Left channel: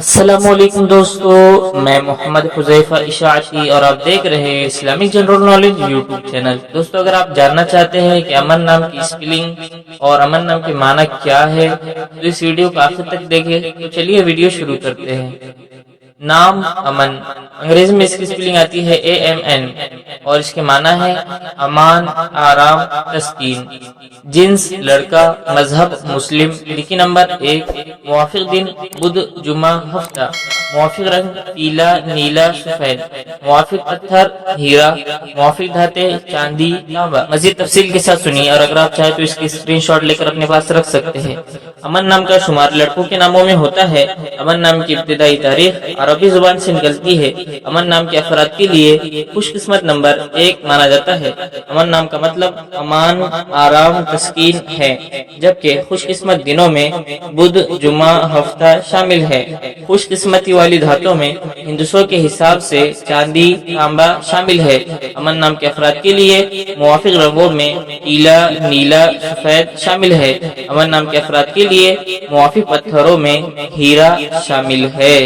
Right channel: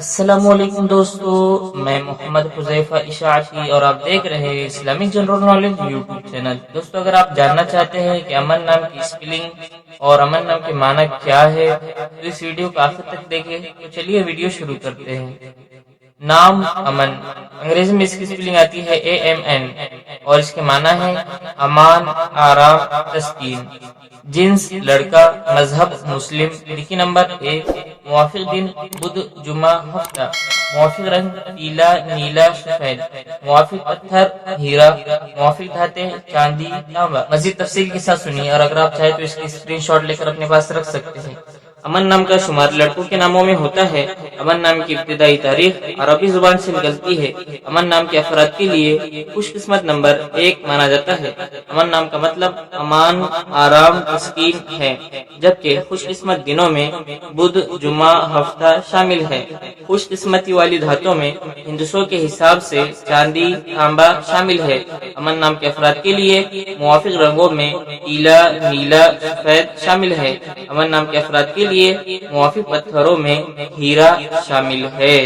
السلام علیکم دوستو، میں محمد حذیفہ اشاعتی اور آپ دیکھ رہے ہیں Islamic general knowledge YouTube channel. دوستو، اگر آپ جاننا چاہتے ہیں کہ امن نام کی اسپیلنگ اور امن نام کے معنی کیا ہے تو اس ویڈیو کو آخر تک دیکھیں۔ تو چلیے ویڈیو شروع کرتے ہیں۔ نام امن، انگریزی میں اس کی اسپیلنگ آتی ہے AMN اور اس کے معنی ہے امان، آرام، تسکین۔ جنس لڑکا، مذہب مسلم، لکی نمبر 1، موافق دن بدھ جمعہ ہفتہ، موافق رنگ پیلا نیلا سفید، موافق پتھر ہیرا، موافق دھاتیں چاندی تانبا۔ مزید تفصیل کے ساتھ سنیے، اور اگر آپ چاہیں تو اس کی اسکرین شاٹ لے کر اپنے پاس رکھ سکتے ہیں۔ امن نام کا شمار لڑکوں کے ناموں میں ہوتا ہے۔ امن نام کی ابتدائی تاریخ عربی زبان سے نکلتی ہے۔ امن نام کے افراد کے لیے خوش قسمت نمبر 1 مانا جاتا ہے۔ امن نام کا مطلب امان، آرام، تسکین ہے، جبکہ خوش قسمت دنوں میں بدھ جمعہ ہفتہ شامل ہے۔ خوش قسمتی والی دھاتوں میں ہندسوں کے حساب سے چاندی تانبا شامل ہے۔ امن نام کے افراد کے لیے موافق رنگوں میں پیلا نیلا سفید شامل ہے۔ امن نام کے افراد کے لیے موافق پتھروں میں ہیرا شامل ہے۔